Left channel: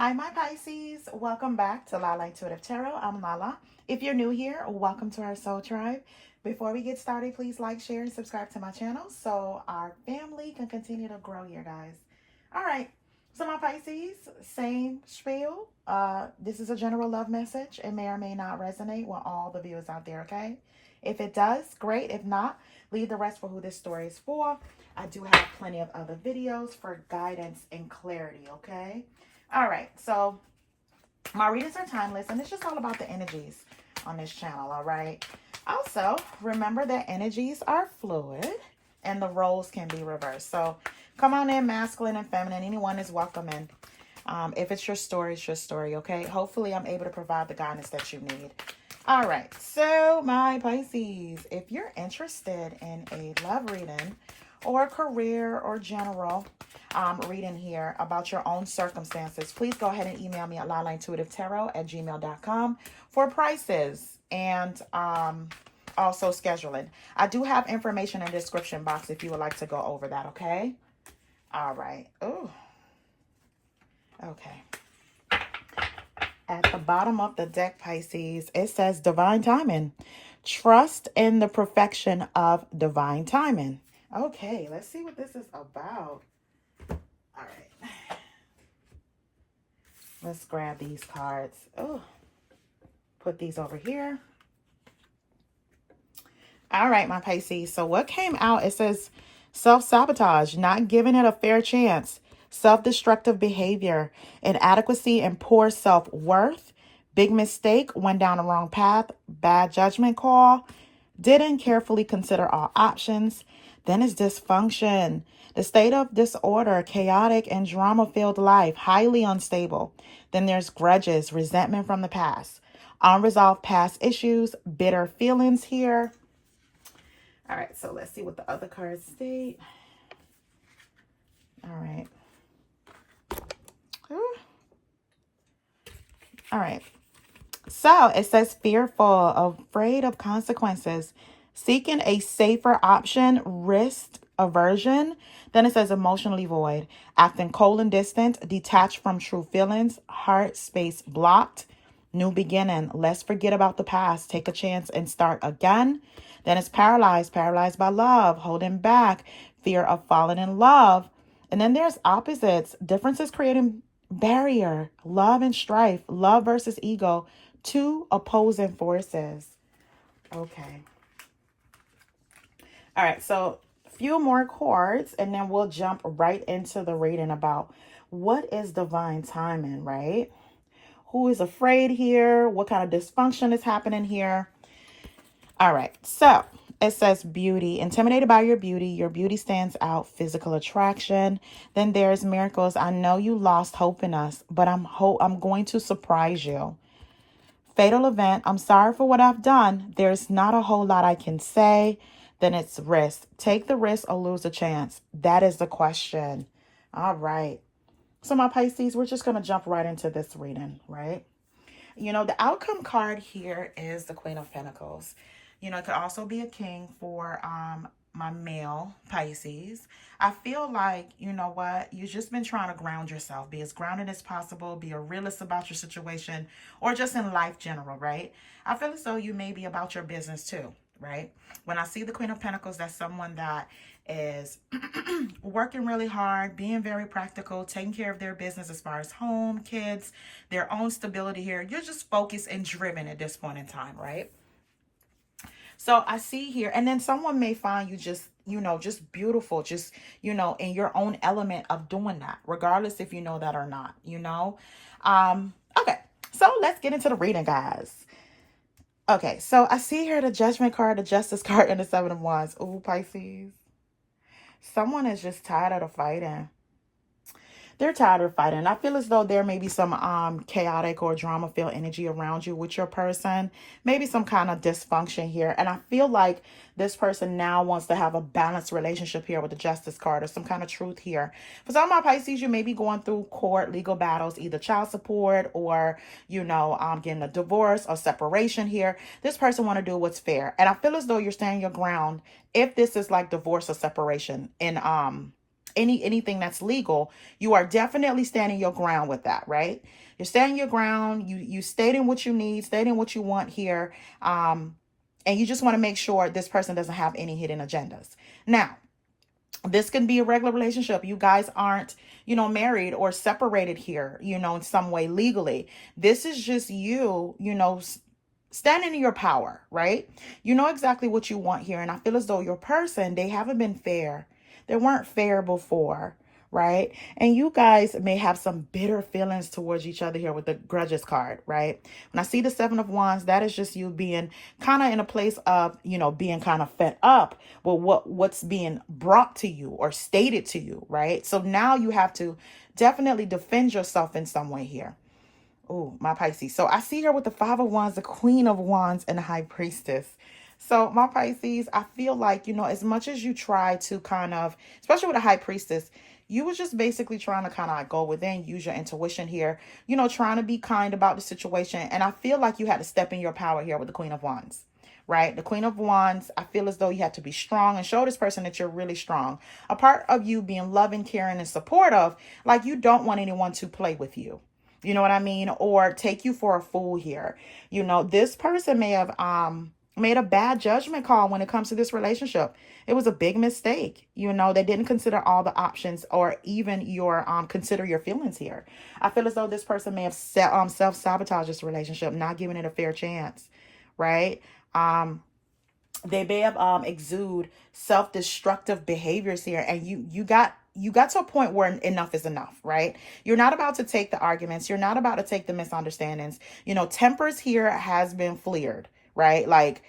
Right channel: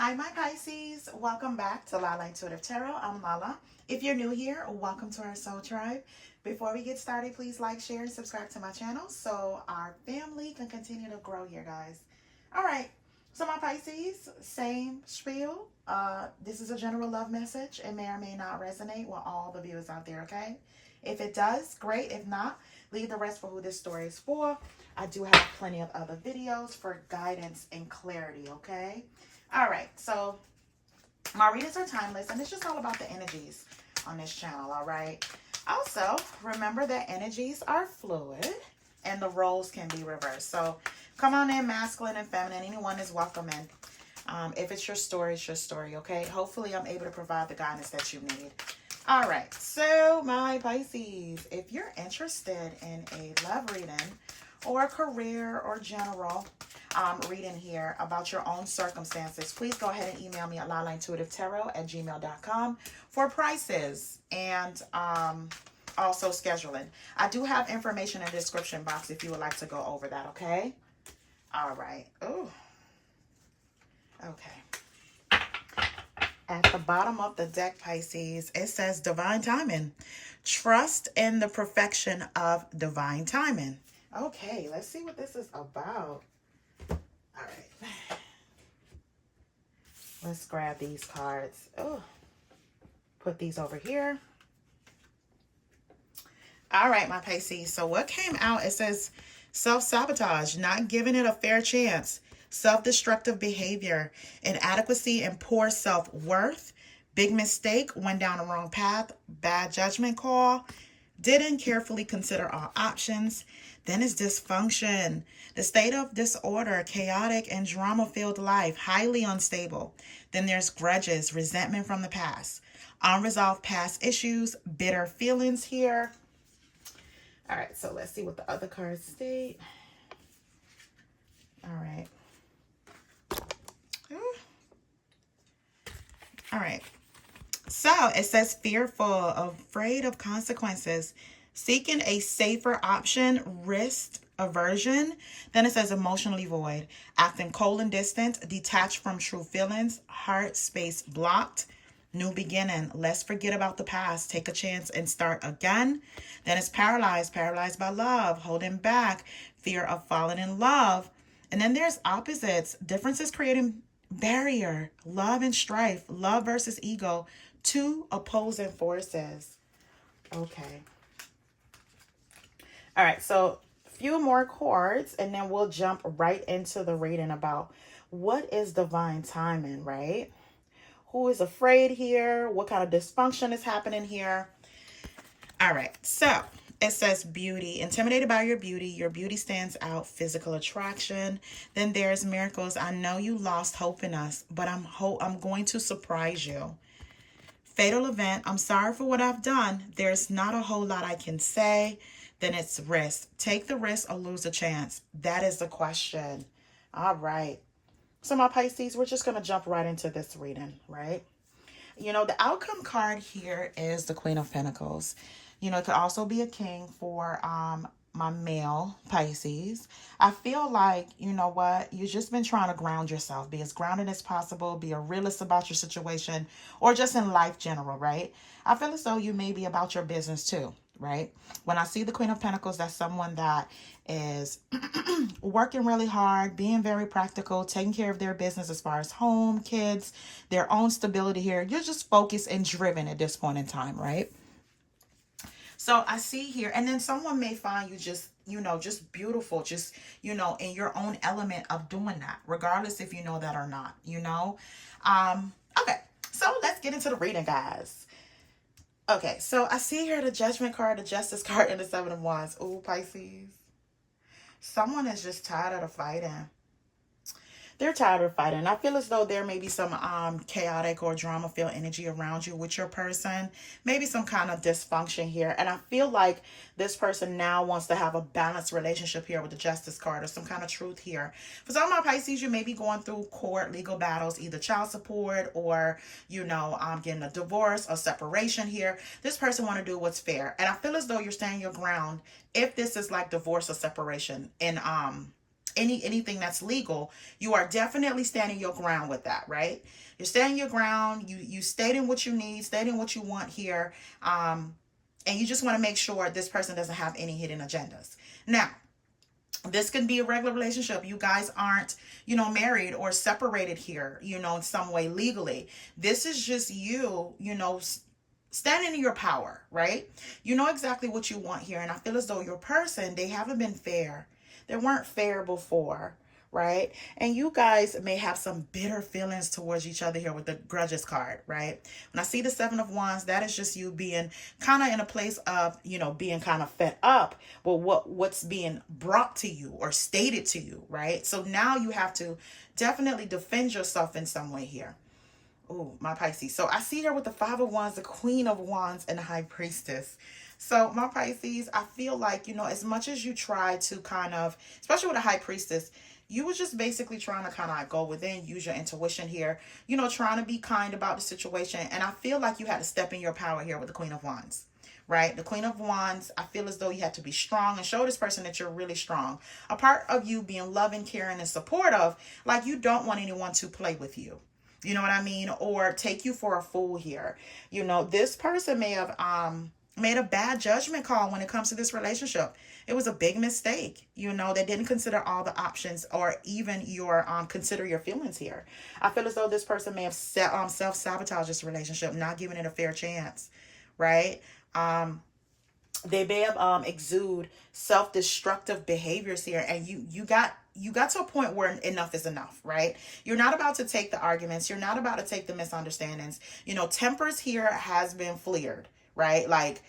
Hi, my Pisces. Welcome back to Lala Intuitive Tarot. I'm Lala. If you're new here, welcome to our soul tribe. Before we get started, please like, share, and subscribe to my channel so our family can continue to grow here, guys. All right. So, my Pisces, same spiel. This is a general love message. It may or may not resonate with all the viewers out there, okay? If it does, great. If not, leave the rest for who this story is for. I do have plenty of other videos for guidance and clarity, okay? All right, so my readings are timeless, and it's just all about the energies on this channel, all right? Also, remember that energies are fluid, and the roles can be reversed. So come on in, masculine and feminine. Anyone is welcome in. If it's your story, it's your story, okay? Hopefully, I'm able to provide the guidance that you need. All right, so my Pisces, if you're interested in a love reading or career or general reading here about your own circumstances, please go ahead and email me at lalaintuitivetarot@gmail.com for prices and also scheduling. I do have information in the description box if you would like to go over that, okay? All right. Oh, okay. At the bottom of the deck, Pisces, it says divine timing. Trust in the perfection of divine timing. Okay, let's see what this is about. All right. Let's grab these cards. Oh, put these over here. All right, my Pisces. So what came out, it says self-sabotage, not giving it a fair chance, self-destructive behavior, inadequacy and poor self-worth, big mistake, went down the wrong path, bad judgment call, didn't carefully consider all options. Then is dysfunction, the state of disorder, chaotic and drama-filled life, highly unstable. Then there's grudges, resentment from the past, unresolved past issues, bitter feelings here. All right, so let's see what the other cards state. All right. All right. So it says fearful, afraid of consequences, seeking a safer option, risk aversion. Then it says emotionally void, acting cold and distant, detached from true feelings, heart space blocked, new beginning. Let's forget about the past, take a chance and start again. Then it's paralyzed, paralyzed by love, holding back, fear of falling in love. And then there's opposites, differences creating barrier, love and strife, love versus ego, two opposing forces. Okay. All right, so a few more cards, and then we'll jump right into the reading about what is divine timing, right? Who is afraid here? What kind of dysfunction is happening here? All right, so it says beauty, intimidated by your beauty stands out, physical attraction. Then there's miracles. I know you lost hope in us, but I'm going to surprise you. Fatal event, I'm sorry for what I've done. There's not a whole lot I can say. Then it's risk. Take the risk or lose a chance. That is the question. All right. So my Pisces, we're just going to jump right into this reading, right? You know, the outcome card here is the Queen of Pentacles. You know, it could also be a king for my male Pisces. I feel like, you know what, you've just been trying to ground yourself. Be as grounded as possible. Be a realist about your situation or just in life general, right? I feel as though you may be about your business too, right? When I see the Queen of Pentacles, that's someone that is working really hard, being very practical, taking care of their business as far as home, kids, their own stability here. You're just focused and driven at this point in time, right? So I see here, and then someone may find you just, you know, just beautiful, just, you know, in your own element of doing that, regardless if you know that or not, you know. Okay, so let's get into the reading, guys. Okay, so I see here the Judgment card, the Justice card, and the Seven of Wands. Ooh, Pisces. Someone is just tired of the fighting. They're tired of fighting. I feel as though there may be some chaotic or drama-filled energy around you with your person. Maybe some kind of dysfunction here. And I feel like this person now wants to have a balanced relationship here with the Justice card or some kind of truth here. For some of my Pisces, you may be going through court, legal battles, either child support or, you know, getting a divorce or separation here. This person want to do what's fair. And I feel as though you're standing your ground if this is like divorce or separation anything that's legal, you are definitely standing your ground with that, right? You're standing your ground. You stating what you need, stating what you want here. And you just want to make sure this person doesn't have any hidden agendas. Now, this can be a regular relationship. You guys aren't, married or separated here, in some way legally. This is just you, standing in your power, right? You know exactly what you want here. And I feel as though your person, they haven't been fair. They weren't fair before, right? And you guys may have some bitter feelings towards each other here with the Grudges card, right? When I see the Seven of Wands, that is just you being kind of in a place of, being kind of fed up with what's being brought to you or stated to you, right? So now you have to definitely defend yourself in some way here. Oh, my Pisces. So I see here with the Five of Wands, the Queen of Wands, and the High Priestess. So my Pisces, I feel like, as much as you try to kind of, especially with the High Priestess, you were just basically trying to kind of like go within, use your intuition here, trying to be kind about the situation. And I feel like you had to step in your power here with the Queen of Wands, right? The Queen of Wands, I feel as though you had to be strong and show this person that you're really strong. A part of you being loving, caring, and supportive, like you don't want anyone to play with you. You know what I mean? Or take you for a fool here. This person may have made a bad judgment call when it comes to this relationship. It was a big mistake. They didn't consider all the options or even consider your feelings here. I feel as though this person may have self-sabotaged this relationship, not giving it a fair chance, right? They may have exude self-destructive behaviors here, and you got to a point where enough is enough, right? You're not about to take the arguments. You're not about to take the misunderstandings. Tempers here has been flared, right? Like,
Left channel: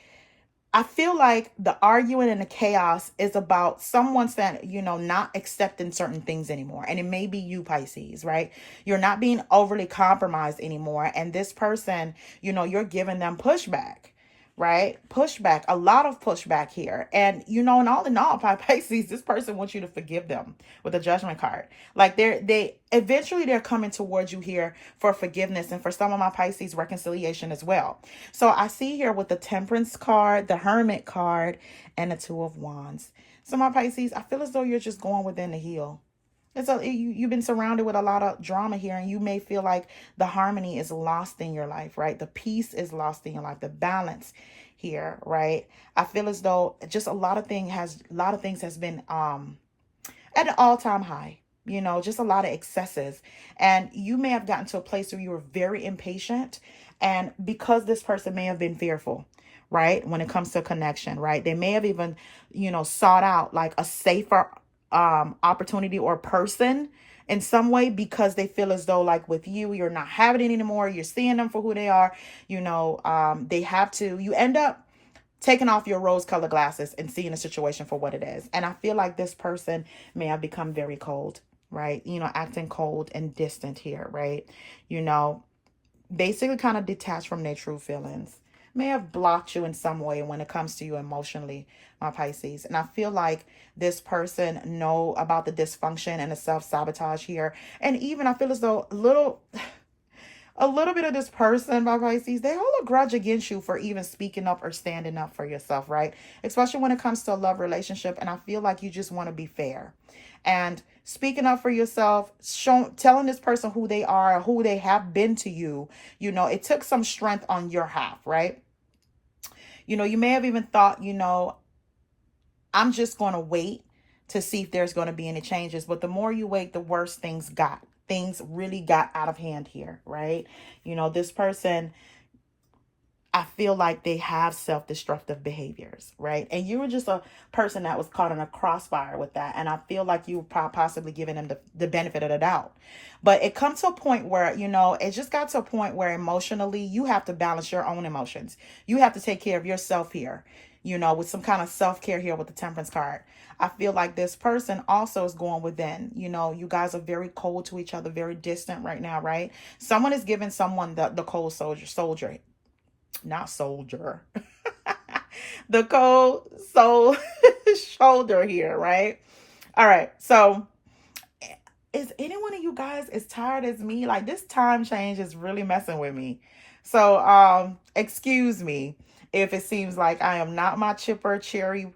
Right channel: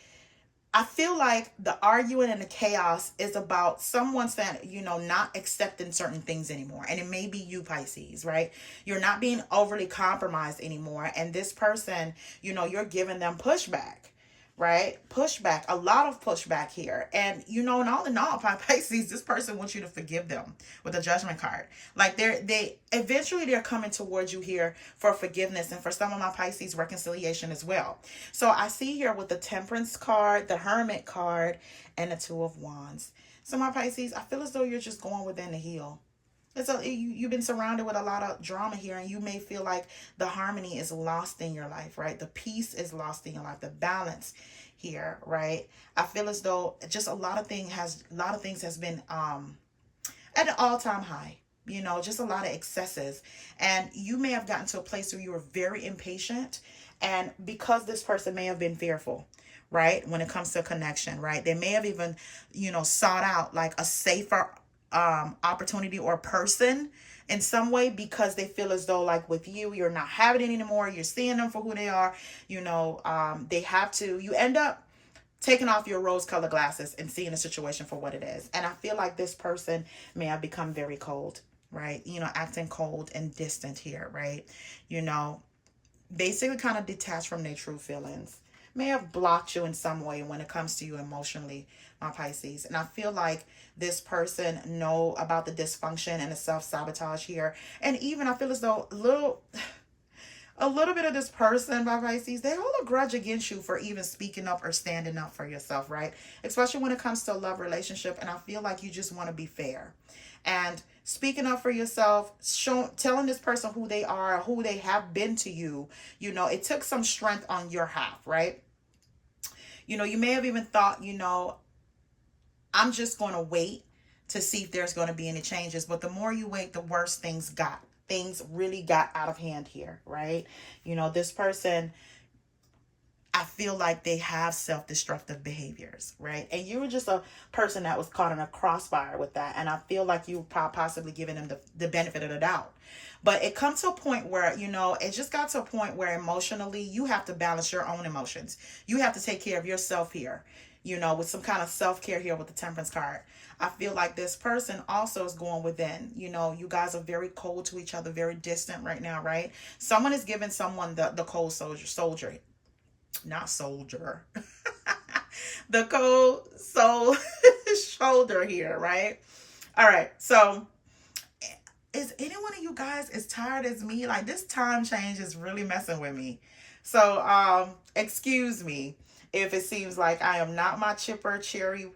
I feel like the arguing and the chaos is about someone saying, not accepting certain things anymore. And it may be you, Pisces, right? You're not being overly compromised anymore. And this person, you're giving them pushback. Right? Pushback, a lot of pushback here. And, and all in all, Pisces, this person wants you to forgive them with the Judgment card. Like they eventually they're coming towards you here for forgiveness, and for some of my Pisces, reconciliation as well. So I see here with the Temperance card, the Hermit card, and the Two of Wands. So my Pisces, I feel as though you're just going within the heel. You've been surrounded with a lot of drama here, and you may feel like the harmony is lost in your life, right? The peace is lost in your life, the balance here, right? I feel as though just a lot of things has been at an all-time high, just a lot of excesses. And you may have gotten to a place where you were very impatient, and because this person may have been fearful, right? When it comes to connection, right? They may have even, sought out like a safer opportunity or person in some way, because they feel as though like with you're not having it anymore. You're seeing them for who they are. You end up taking off your rose colored glasses and seeing the situation for what it is. And I feel like this person may have become very cold, right? Acting cold and distant here, right? Basically kind of detached from their true feelings. May have blocked you in some way when it comes to you emotionally, my Pisces. And I feel like this person know about the dysfunction and the self-sabotage here. And even I feel as though a little bit of this person, my Pisces, they hold a grudge against you for even speaking up or standing up for yourself, right? Especially when it comes to a love relationship. And I feel like you just want to be fair. And speaking up for yourself, telling this person who they are, who they have been to you, it took some strength on your half, right? You may have even thought, I'm just going to wait to see if there's going to be any changes. But the more you wait, the worse things got. Things really got out of hand here, right? This person, I feel like they have self-destructive behaviors, right? And you were just a person that was caught in a crossfire with that. And I feel like you were possibly giving them the benefit of the doubt. But it comes to a point where, it just got to a point where emotionally you have to balance your own emotions. You have to take care of yourself here, with some kind of self-care here with the Temperance card. I feel like this person also is going within. You guys are very cold to each other, very distant right now, right? Someone is giving someone the cold soldier. Not soldier. The cold soul shoulder here, right? All right. So is any one of you guys as tired as me? Like, this time change is really messing with me. So excuse me if it seems like I am not my chipper, cheery,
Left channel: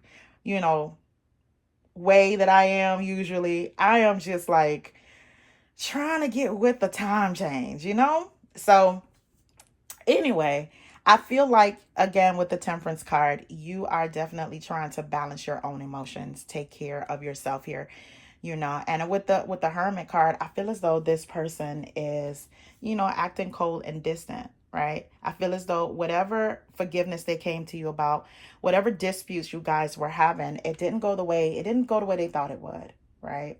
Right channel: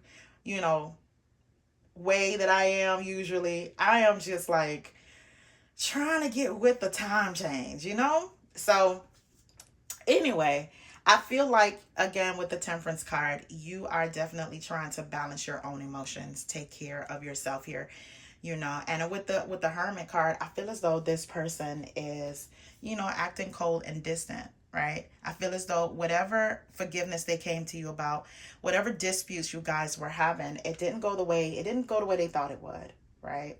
way that I am usually. I am just like trying to get with the time change, you know? So, anyway, I feel like, again, with the Temperance card, you are definitely trying to balance your own emotions, take care of yourself here, you know. And with the Hermit card, I feel as though this person is, you know, acting cold and distant, right? I feel as though whatever forgiveness they came to you about, whatever disputes you guys were having, it didn't go the way they thought it would, right?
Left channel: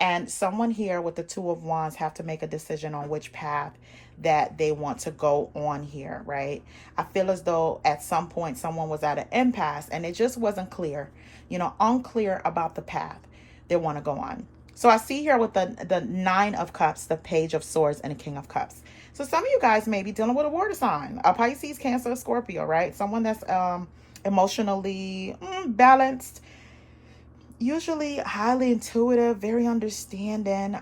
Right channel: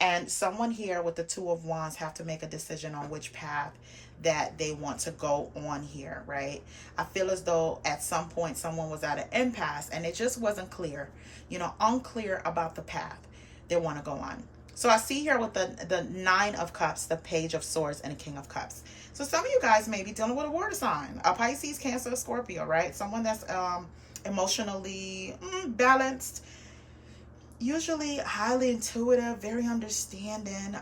And someone here with the Two of Wands have to make a decision on which path that they want to go on here, right? I feel as though at some point someone was at an impasse and it just wasn't clear, you know, unclear about the path they want to go on. So I see here with the Nine of Cups, the Page of Swords, and the King of Cups. So some of you guys may be dealing with a water sign, a Pisces, Cancer, Scorpio, right? Someone that's emotionally balanced, usually highly intuitive, very understanding.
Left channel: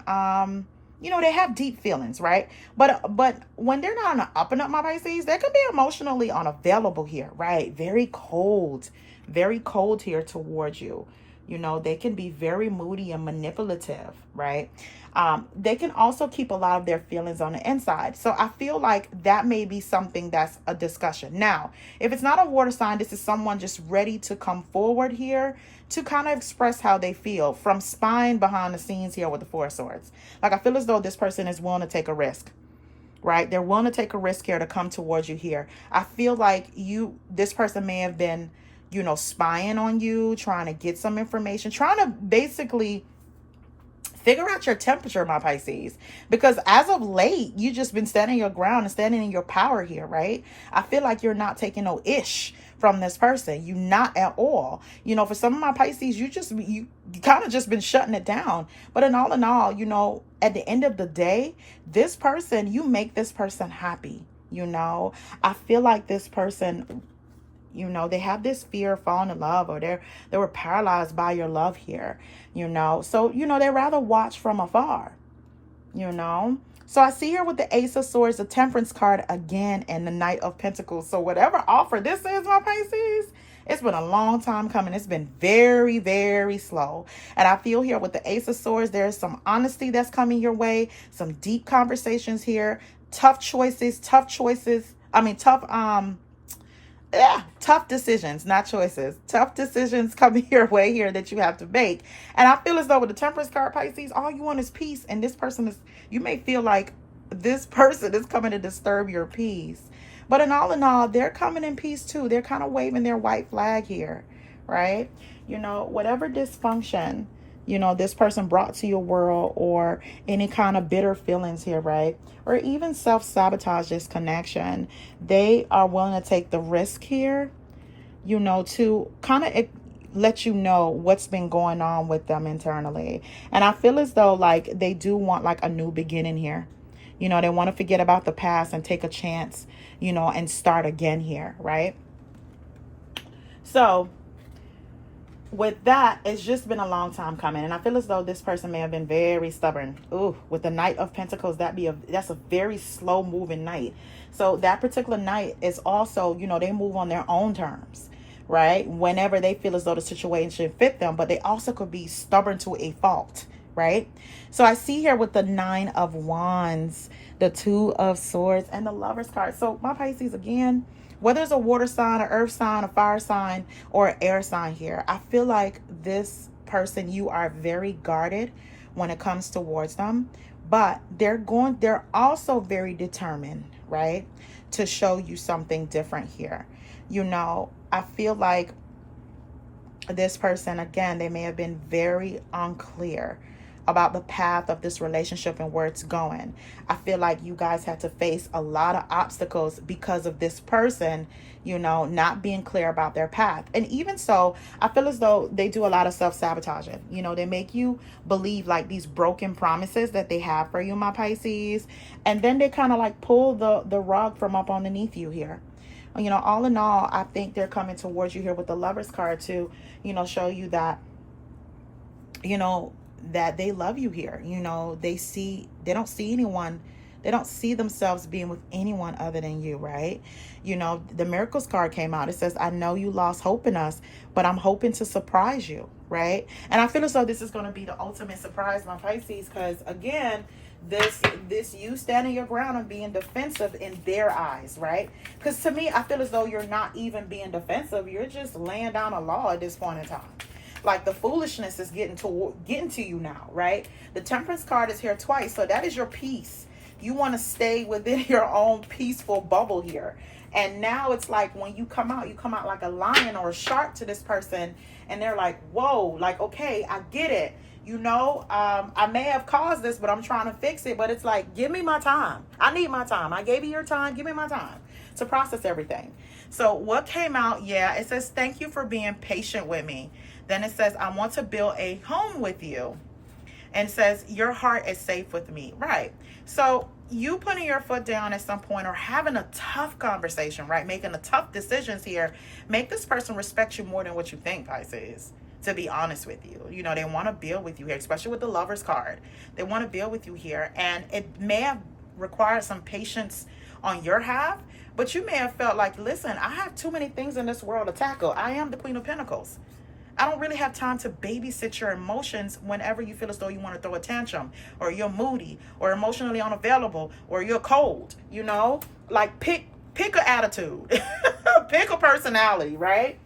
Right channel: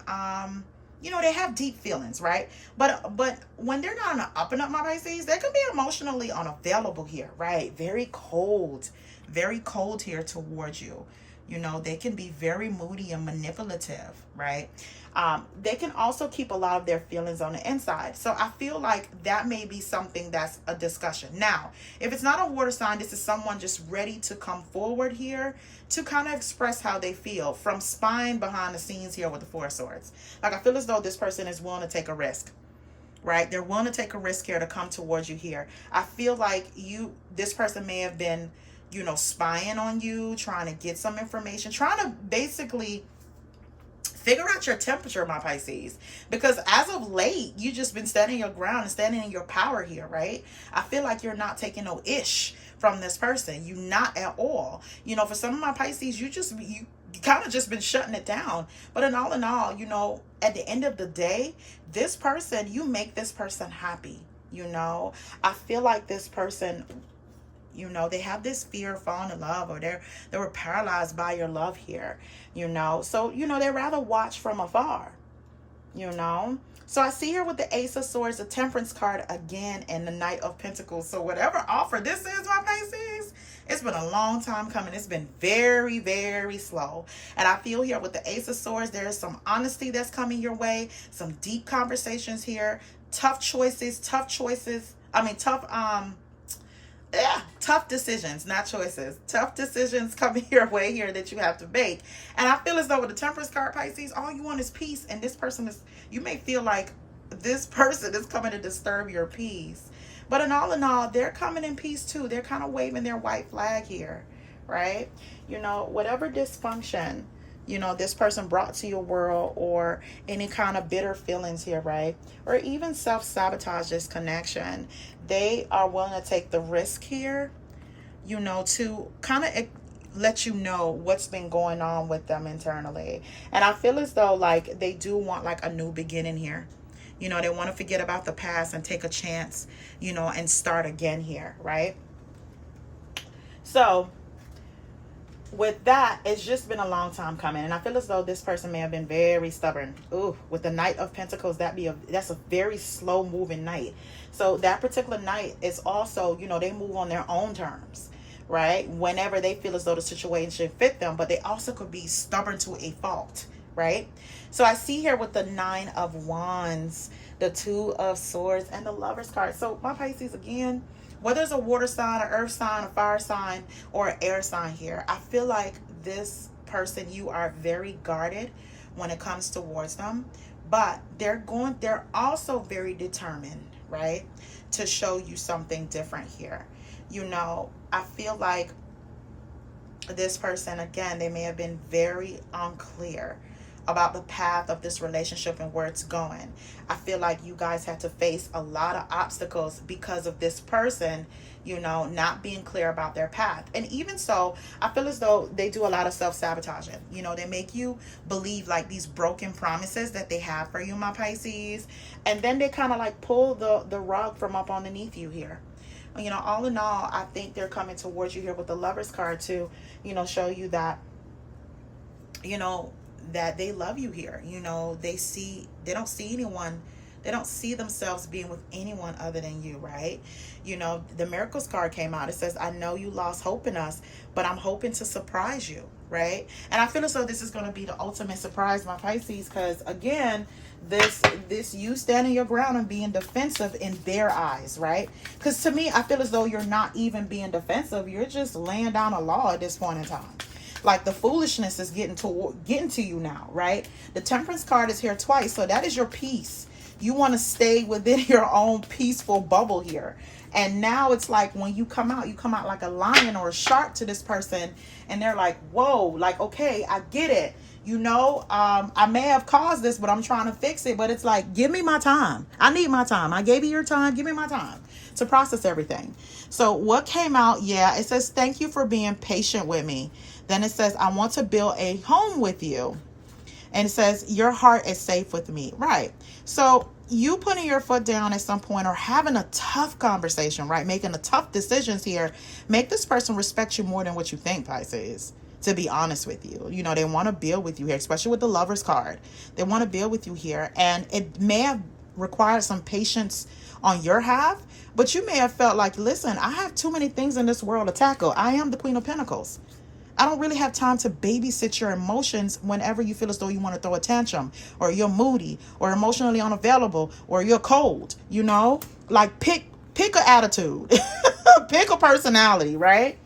You know, they have deep feelings, right? But when they're not on the up and up, my Pisces, they can be emotionally unavailable here, right? Very cold here towards you. You know, they can be very moody and manipulative, right? They can also keep a lot of their feelings on the inside. So I feel like that may be something that's a discussion. Now, if it's not a water sign, this is someone just ready to come forward here to kind of express how they feel from spine behind the scenes here with the Four of Swords. Like, I feel as though this person is willing to take a risk, right? They're willing to take a risk here to come towards you here. I feel like this person may have been, you know, spying on you, trying to get some information, trying to basically figure out your temperature, my Pisces, because as of late, you just been standing your ground and standing in your power here, right? I feel like you're not taking no ish from this person. You not at all. You know, for some of my Pisces, you kind of just been shutting it down. But in all, you know, at the end of the day, this person, you make this person happy. You know, I feel like this person, you know, they have this fear of falling in love, or they were paralyzed by your love here, you know. So, you know, they rather watch from afar, you know. So I see here with the Ace of Swords, the Temperance card again, and the Knight of Pentacles. So whatever offer this is, my Pisces, it's been a long time coming. It's been very, very slow. And I feel here with the Ace of Swords, there's some honesty that's coming your way, some deep conversations here, tough decisions, not choices. Tough decisions coming your way here that you have to make. And I feel as though with the Temperance card, Pisces, all you want is peace. And this person is, you may feel like this person is coming to disturb your peace. But in all, they're coming in peace too. They're kind of waving their white flag here, right? You know, whatever dysfunction, you know, this person brought to your world, or any kind of bitter feelings here, right? Or even self-sabotage this connection, they are willing to take the risk here, you know, to kind of let you know what's been going on with them internally. And I feel as though like they do want like a new beginning here. You know, they want to forget about the past and take a chance, you know, and start again here, right? So with that, it's just been a long time coming, and I feel as though this person may have been very stubborn. Ooh, with the Knight of Pentacles, that's a very slow moving knight. So that particular knight is also, you know, they move on their own terms, right? Whenever they feel as though the situation fit them, but they also could be stubborn to a fault, right? So I see here with the Nine of Wands, the Two of Swords, and the Lovers card. So my Pisces, again, whether it's a water sign, an earth sign, a fire sign, or an air sign here, I feel like this person, you are very guarded when it comes towards them, but they're also very determined, right, to show you something different here. You know, I feel like this person, again, they may have been very unclear about the path of this relationship and where it's going. I feel like you guys had to face a lot of obstacles because of this person, you know, not being clear about their path. And even so, I feel as though they do a lot of self-sabotaging. You know, they make you believe like these broken promises that they have for you, my Pisces. And then they kind of like pull the rug from up underneath you here. You know, all in all, I think they're coming towards you here with the Lovers card to, you know, show you that, you know, that they love you here. You know, they don't see anyone They don't see themselves being with anyone other than you, right? You know, the Miracles card came out. It says, I know you lost hope in us, but I'm hoping to surprise you, right? And I feel as though this is going to be the ultimate surprise, my Pisces, because again, this you standing your ground and being defensive in their eyes, right? Because to me, I feel as though you're not even being defensive. You're just laying down a law at this point in time. Like the foolishness is getting to you now, right? The Temperance card is here twice, so that is your peace. You want to stay within your own peaceful bubble here. And now it's like when you come out like a lion or a shark to this person, and they're like, whoa, like, okay, I get it. You know, I may have caused this, but I'm trying to fix it. But it's like, give me my time. I need my time. I gave you your time. Give me my time to process everything. So what came out, yeah, it says, thank you for being patient with me. Then it says, I want to build a home with you. And it says, your heart is safe with me. Right. So you putting your foot down at some point or having a tough conversation, right? Making the tough decisions here, make this person respect you more than what you think, Pisces. To be honest with you, you know, they want to build with you here, especially with the Lovers card. They want to build with you here, and it may have required some patience on your half, but you may have felt like, listen, I have too many things in this world to tackle. I am the Queen of Pentacles. I don't really have time to babysit your emotions whenever you feel as though you want to throw a tantrum, or you're moody, or emotionally unavailable, or you're cold. You know, like pick an attitude, pick a personality, right?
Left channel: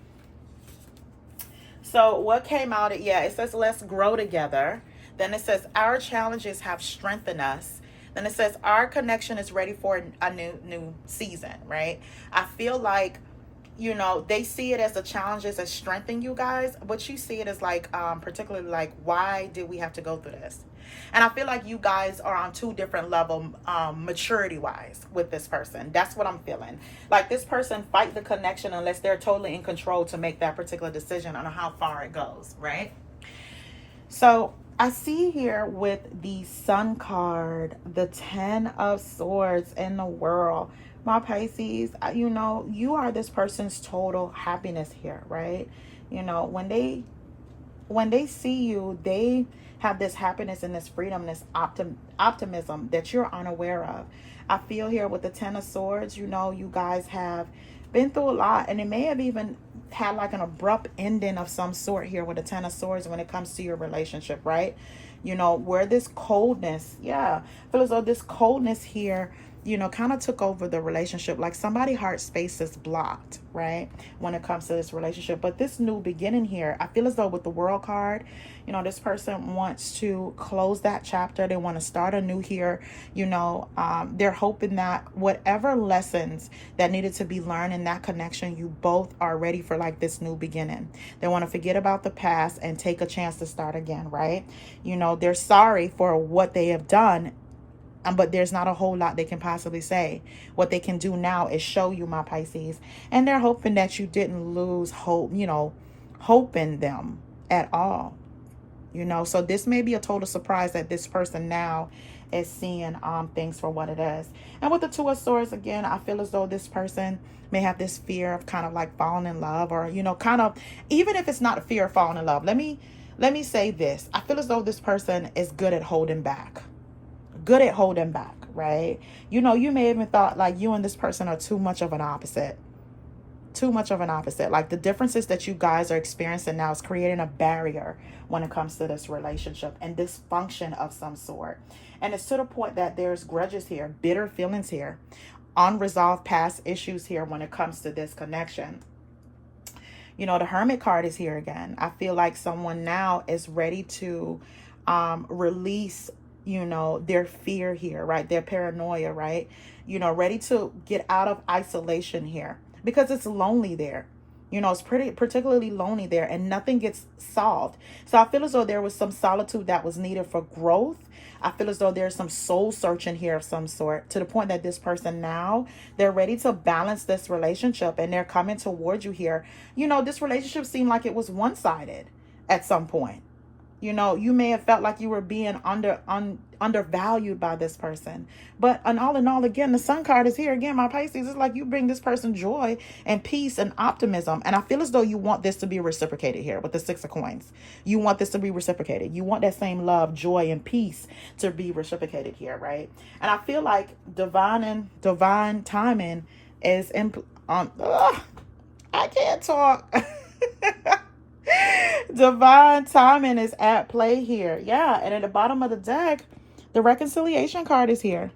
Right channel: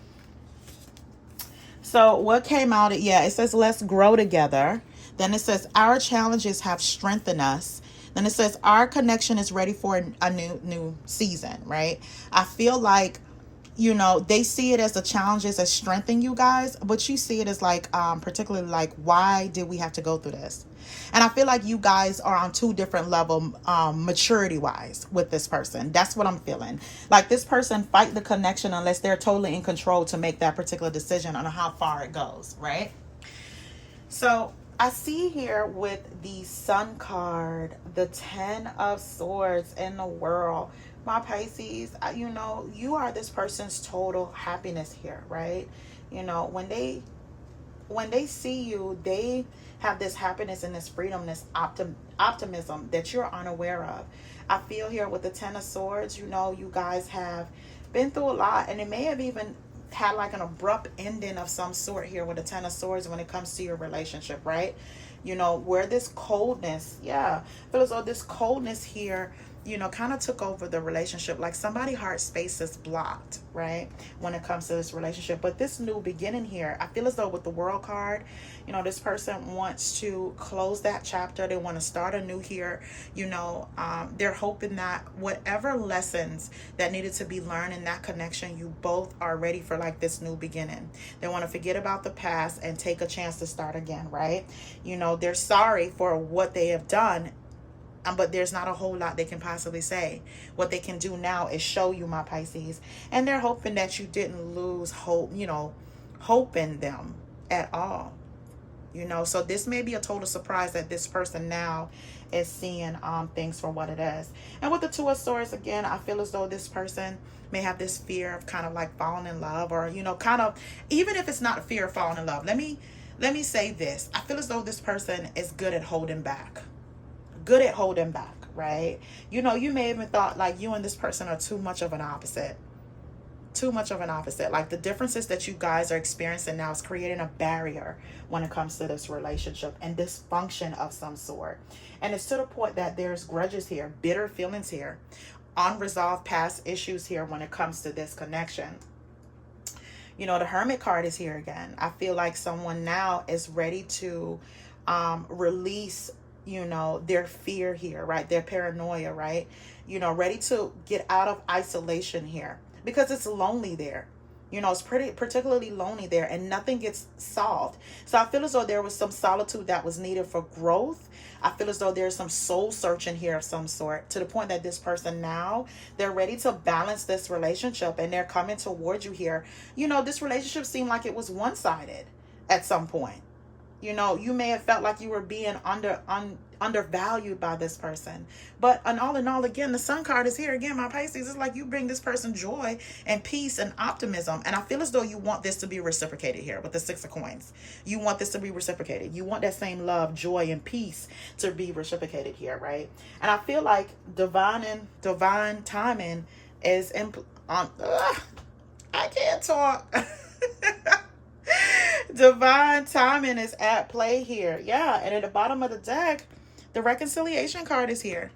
So what came out, yeah, it says, let's grow together. Then it says, our challenges have strengthened us. Then it says, our connection is ready for a new season, right? I feel like, you know, they see it as the challenges as strengthening you guys, but you see it as like, particularly like, why did we have to go through this? And I feel like you guys are on two different levels, maturity wise with this person. That's what I'm feeling. Like this person fight the connection unless they're totally in control to make that particular decision on how far it goes, right? So I see here with the Sun card, the 10 of Swords in the world, my Pisces, you know, you are this person's total happiness here, right? You know, when they see you, they have this happiness and this freedom, this optimism that you're unaware of. I feel here with the 10 of Swords, you know, you guys have been through a lot, and it may have even had like an abrupt ending of some sort here with the 10 of Swords when it comes to your relationship, right? You know, where this coldness, yeah, I feel as though this coldness here, you know, kind of took over the relationship. Like somebody's heart space is blocked, right, when it comes to this relationship. But this new beginning here, I feel as though with the World card, you know, this person wants to close that chapter. They want to start anew here. You know, they're hoping that whatever lessons that needed to be learned in that connection, you both are ready for like this new beginning. They want to forget about the past and take a chance to start again, right? You know, they're sorry for what they have done, but there's not a whole lot they can possibly say. What they can do now is show you, my Pisces, and they're hoping that you didn't lose hope, you know, hope in them at all. You know, so this may be a total surprise that this person now is seeing things for what it is. And with the Two of Swords, again, I feel as though this person may have this fear of kind of like falling in love, or, you know, kind of, even if it's not a fear of falling in love, let me say this. I feel as though this person is good at holding back. Good at holding back, right? You know, you may have even thought like you and this person are too much of an opposite. Too much of an opposite. Like the differences that you guys are experiencing now is creating a barrier when it comes to this relationship and dysfunction of some sort. And it's to the point that there's grudges here, bitter feelings here, unresolved past issues here when it comes to this connection. You know, the Hermit card is here again. I feel like someone now is ready to release, you know, their fear here, right? Their paranoia, right? You know, ready to get out of isolation here because it's lonely there. You know, it's particularly lonely there, and nothing gets solved. So I feel as though there was some solitude that was needed for growth. I feel as though there's some soul searching here of some sort, to the point that this person now, they're ready to balance this relationship, and they're coming towards you here. You know, this relationship seemed like it was one-sided at some point. You know, you may have felt like you were being undervalued by this person. But in all, again, the Sun card is here. Again, my Pisces, it's like you bring this person joy and peace and optimism. And I feel as though you want this to be reciprocated here with the Six of Coins. You want this to be reciprocated. You want that same love, joy, and peace to be reciprocated here, right? And I feel like divine timing is I can't talk. Divine timing is at play here. Yeah, and at the bottom of the deck, the reconciliation card is here.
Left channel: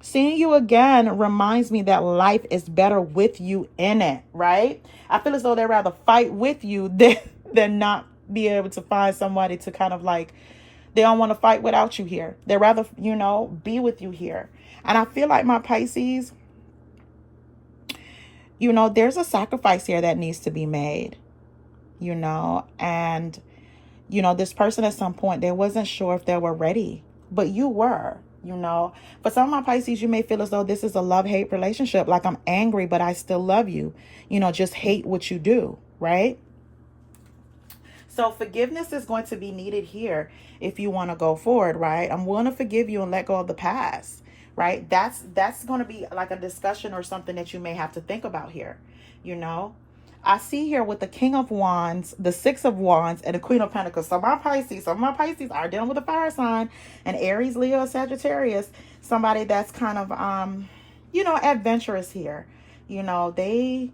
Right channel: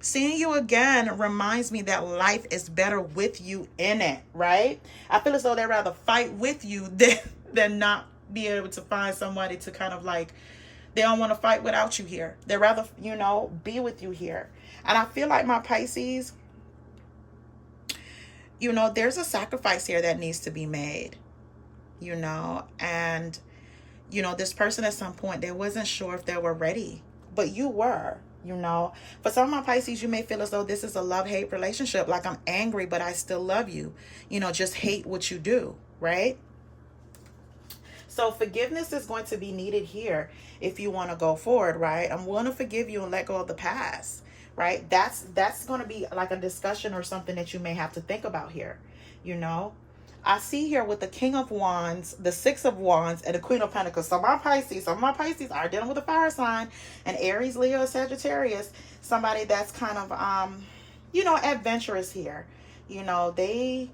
Seeing you again reminds me that life is better with you in it, right? I feel as though they'd rather fight with you than not be able to find somebody to kind of like, they don't want to fight without you here. They'd rather, you know, be with you here. And I feel like my Pisces, you know, there's a sacrifice here that needs to be made. You know, and you know, this person at some point, they wasn't sure if they were ready, but you were. You know, for some of my Pisces, you may feel as though this is a love-hate relationship, like I'm angry but I still love you, you know, just hate what you do, right? So forgiveness is going to be needed here if you want to go forward, right? I'm willing to forgive you and let go of the past, right? That's going to be like a discussion or something that you may have to think about here, you know. I see here with the King of Wands, the Six of Wands, and the Queen of Pentacles. So my Pisces, some of my Pisces are dealing with a fire sign, and Aries, Leo, Sagittarius. Somebody that's kind of, you know, adventurous here. You know, they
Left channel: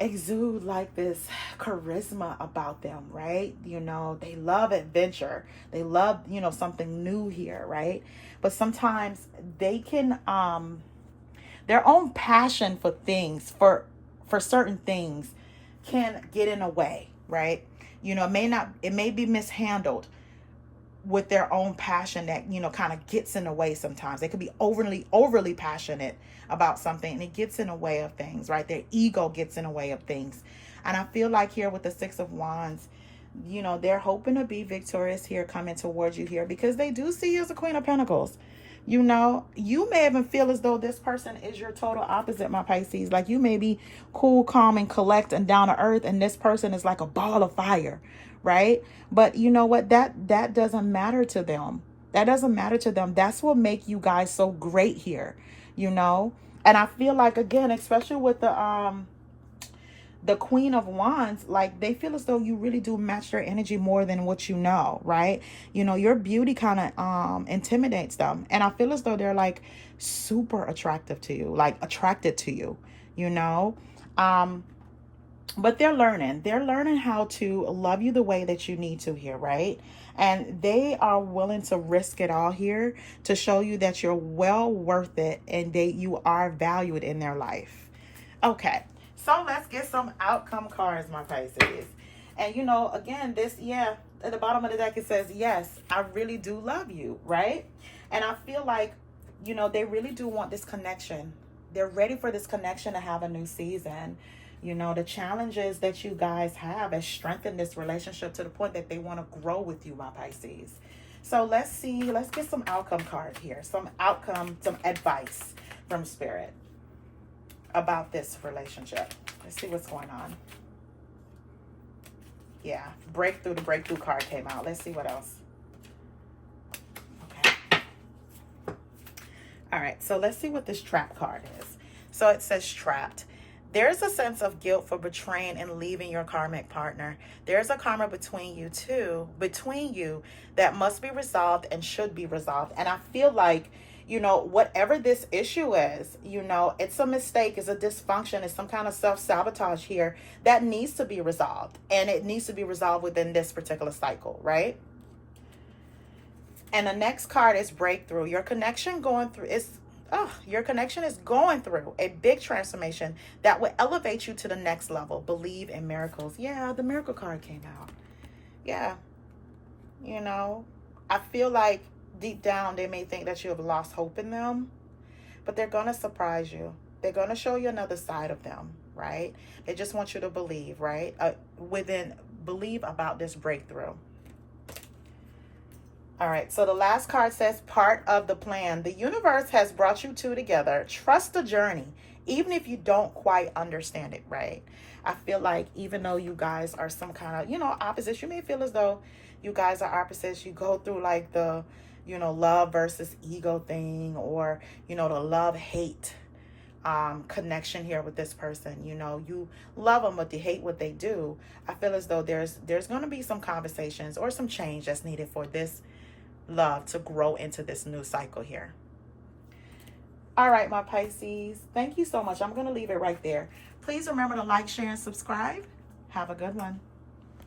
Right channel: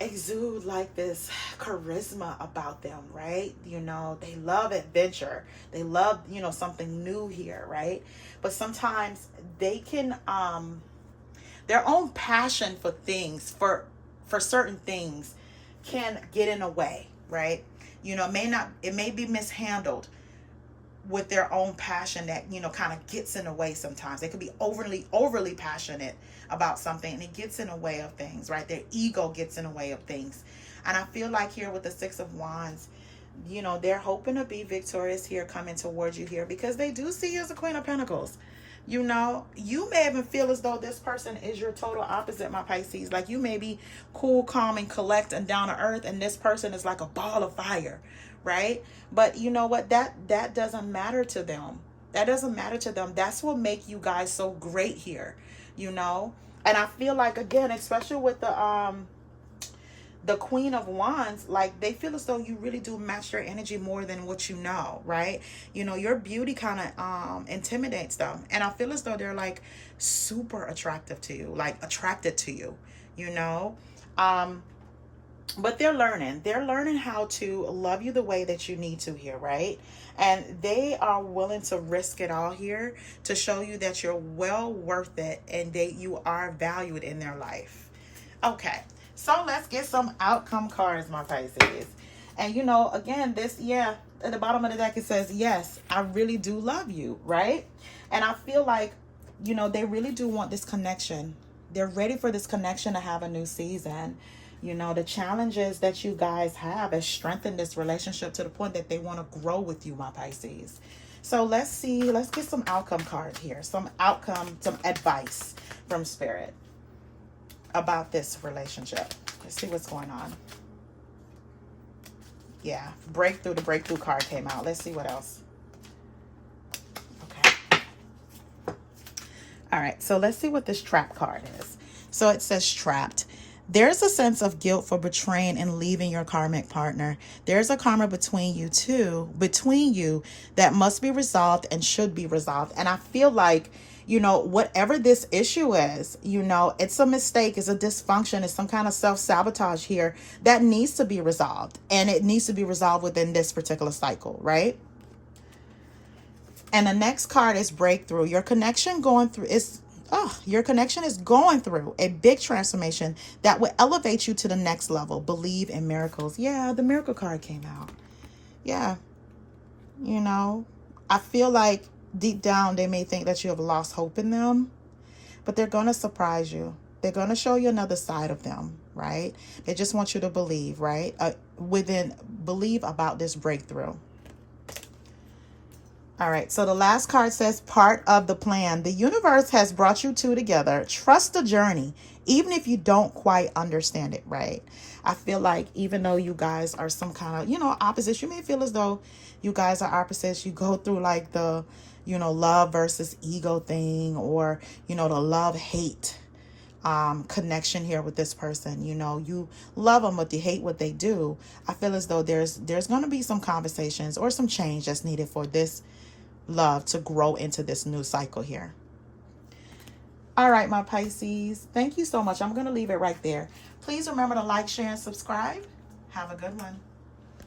exude like this charisma about them, right? You know, they love adventure. They love, you know, something new here, right? But sometimes they can, their own passion for things, for certain things can get in a way, right? You know, it may be mishandled with their own passion that, you know, kind of gets in the way sometimes. They could be overly passionate about something and it gets in the way of things, right? Their ego gets in the way of things. And I feel like here with the Six of Wands, you know, they're hoping to be victorious here coming towards you here because they do see you as a Queen of Pentacles. You know, you may even feel as though this person is your total opposite, my Pisces. Like you may be cool, calm, and collect and down to earth, and this person is like a ball of fire, right? But you know what? That doesn't matter to them. That doesn't matter to them. That's what make you guys so great here, you know? And I feel like, again, especially with the Queen of Wands, like they feel as though you really do match their energy more than what you know, right? You know, your beauty kind of intimidates them. And I feel as though they're like super attractive to you, like attracted to you, you know? But they're learning how to love you the way that you need to here, right? And they are willing to risk it all here to show you that you're well worth it and that you are valued in their life. Okay. So let's get some outcome cards, my Pisces. And you know, again, this, yeah, at the bottom of the deck, it says, yes, I really do love you, right? And I feel like, you know, they really do want this connection. They're ready for this connection to have a new season. You know, the challenges that you guys have has strengthened this relationship to the point that they want to grow with you, my Pisces. So let's see, let's get some outcome cards here. Some advice from Spirit about this relationship. Let's see what's going on. Yeah, breakthrough. The breakthrough card came out. Let's see what else. Okay. All right, so let's see what this trap card is. So it says trapped. There's a sense of guilt for betraying and leaving your karmic partner. There's a karma between you that must be resolved and should be resolved. And I feel like, you know, whatever this issue is, you know, it's a mistake, it's a dysfunction, it's some kind of self-sabotage here that needs to be resolved. And it needs to be resolved within this particular cycle, right? And the next card is breakthrough. Your connection is going through a big transformation that will elevate you to the next level. Believe in miracles. Yeah, the miracle card came out. Yeah. You know, I feel like deep down, they may think that you have lost hope in them, but they're going to surprise you. They're going to show you another side of them, right? They just want you to believe, right? Believe about this breakthrough. All right, so the last card says part of the plan. The universe has brought you two together. Trust the journey, even if you don't quite understand it, right? I feel like even though you guys are some kind of, you know, opposites, you may feel as though you guys are opposites. You go through like the, you know, love versus ego thing, or, you know, the love-hate connection here with this person. You know, you love them, but you hate what they do. I feel as though there's going to be some conversations or some change that's needed for this love to grow into this new cycle here. All right, my Pisces, thank you so much. I'm going to leave it right there. Please remember to like, share, and subscribe. Have a good one.